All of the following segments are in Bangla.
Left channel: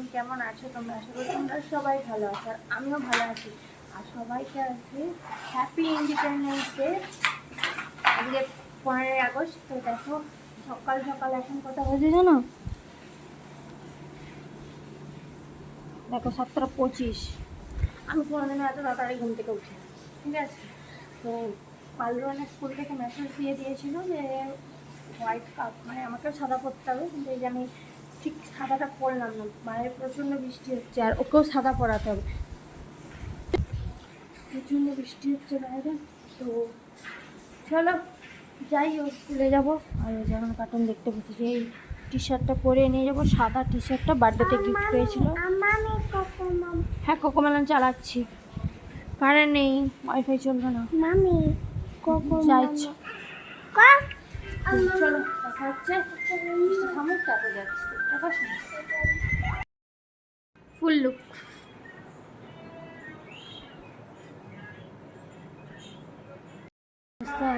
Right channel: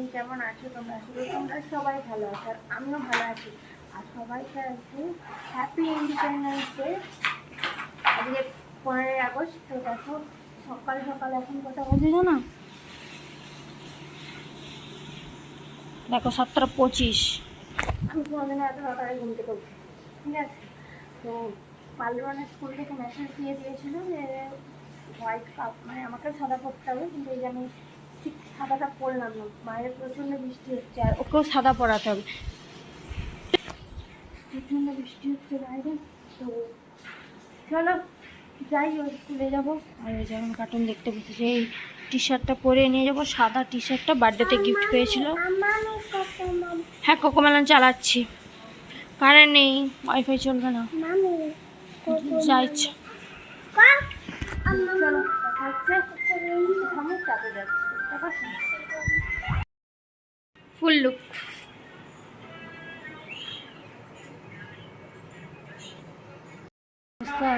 মর্নিং, কেমন আছো তোমরা? আশা করি তোমরা সবাই ভালো আছো, আর আমিও ভালো আছি। আর সবাইকে আজকে হ্যাপি ইন্ডিপেন্ডেন্স ডে। আজকে 15ই আগস্ট। তো দেখো সকাল সকাল এখন কটা বাজে জানো? দেখো 7:25। আমি কোনোদিনও এত তাড়াতাড়ি ঘুম থেকে উঠি, ঠিক আছে? তো পালুয়ানের স্কুল থেকে মেসেজ দিয়ে দিয়েছিল যে হোয়াইট কাপ, মানে আমাকেও সাদা পরতে হবে, কিন্তু এই যে আমি ঠিক সাদাটা পরলাম না, বাইরে প্রচণ্ড বৃষ্টি হচ্ছে আর ওকেও সাদা পরাতে হবে। প্রচণ্ড বৃষ্টি হচ্ছে বাইরে। তো চলো যাই, ওই স্কুলে যাবো। আর ওই যেমন কার্টুন দেখতে বসেছি, এই টি শার্টটা পরে নিয়ে যাবো, সাদা টি শার্টটা বার্থডেতে গিফট পেয়েছিল। হ্যাঁ, কোকোমেলন চালাচ্ছি, কারেন্ট নেই, ওয়াইফাই চলবে না। যাই চলো, দেখা হচ্ছে। তারপরে যাচ্ছি, ফুল লুক।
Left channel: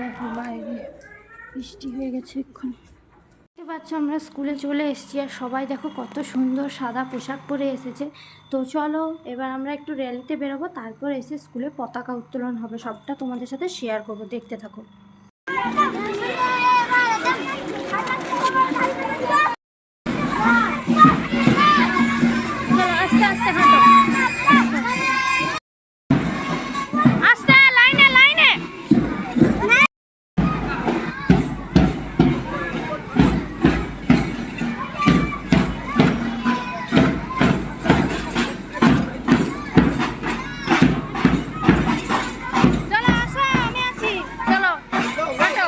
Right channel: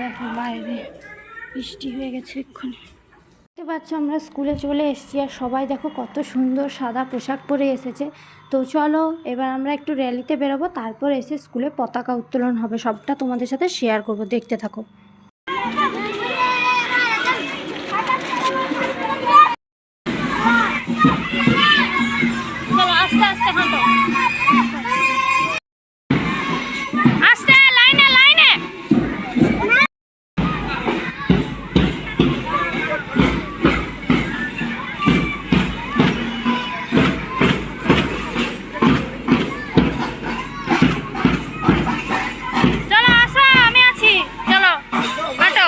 দেখো বাইরে বৃষ্টি হয়ে গেছে এক্ষুনি। তো বাচ্চা আমরা স্কুলে চলে এসেছি, আর সবাই দেখো কত সুন্দর সাদা পোশাক পরে এসেছে। তো চলো এবার আমরা একটু র্যালিতে বেরোবো, তারপর এসে স্কুলে পতাকা উত্তোলন হবে, সবটা তোমাদের সাথে শেয়ার করবো, দেখতে থাকো। চলো আস্তে আস্তে হাঁটো, আস্তে, লাইনে লাইনে। চলো আসো, আমি আছি, চলো হাঁটো।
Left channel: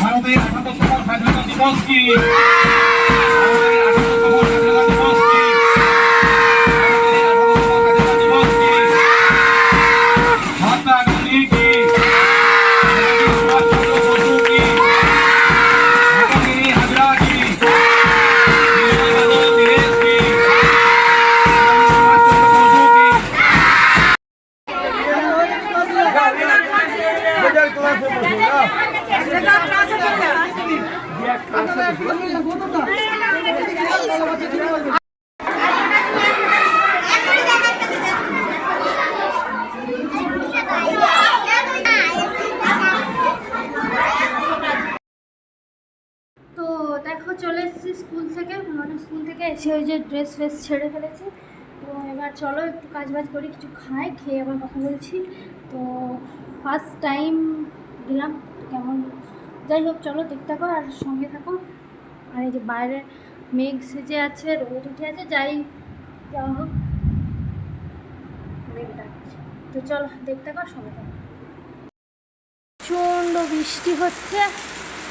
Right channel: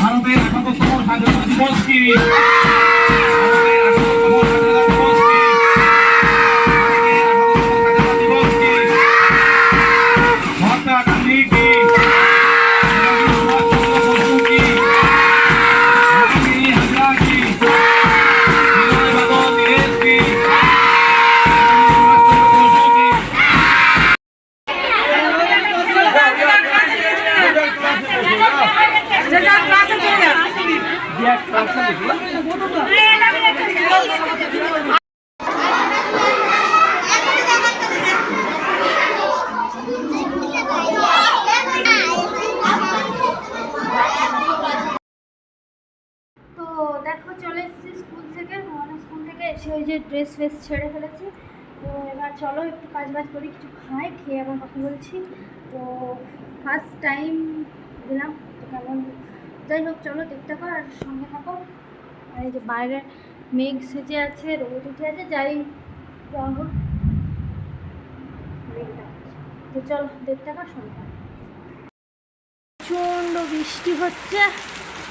ভারতের ৭৮তম স্বাধীনতা দিবস কি দেখো চলে এসেছি স্কুল থেকে, মানে স্কুল থেকে এসে ওই যে ড্রেস ফ্রেস ছেড়ে ফেলেছি। তো এবার চলো একটু কাজ বাজ করি, কিছু খাই, খেয়ে আবার কথা বলছি। তো ফার্স্ট টাইম দিলাম, কেমন যাই হোক চলো দেখতে থাকো আর সঙ্গে থাকো। আর এই যে বাইরে মেঘ সেজে আছে, রোদ উঠে আছে, যাই যা হোক মেঘটা। তো চলো দেখতে থাকো, সঙ্গে থাকো। প্রচণ্ড বৃষ্টি হচ্ছে,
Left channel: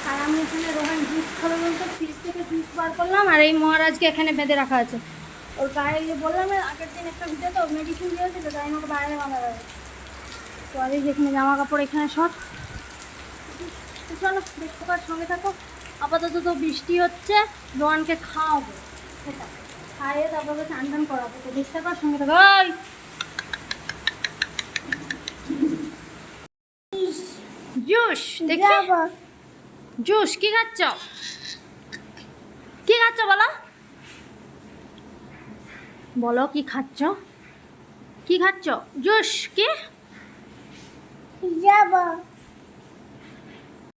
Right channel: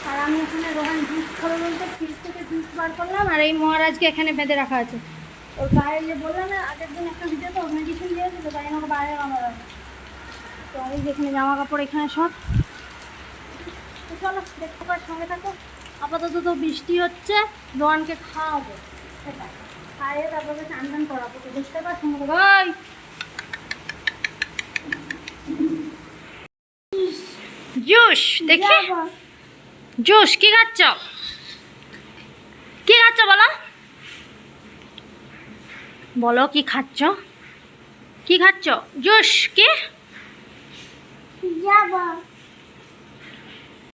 আর আমি এখানে রোহান জুস খাবে বলতে ফ্রিজ থেকে জুস বার করলাম, আর এই মহারাজকে এখানে বেঁধে রাখা আছে। ওর গায়ে যে বললাম না আগের দিন একটা ভিডিও, তো মেডিসিন দিয়েছিল, তাই আমাকে বাইরে বাঁধা যাবে। তো আর এই যেখানে জামা কাপড় এখানে সব। তো চলো দেখতে পার, সঙ্গে থাকো। আপাতত তো বৃষ্টি হচ্ছে, রোহানকে খাওয়াবো, সেটা খাইয়ে তারপরে চান টান করাবো। তো দেখতে পার, সঙ্গে থাকো। জুস দেখি, জুস কি খাচ্ছ? কি খাচ্ছ বলো, বলো কি খাচ্ছ? কি খাচ্ছ? জুস কি?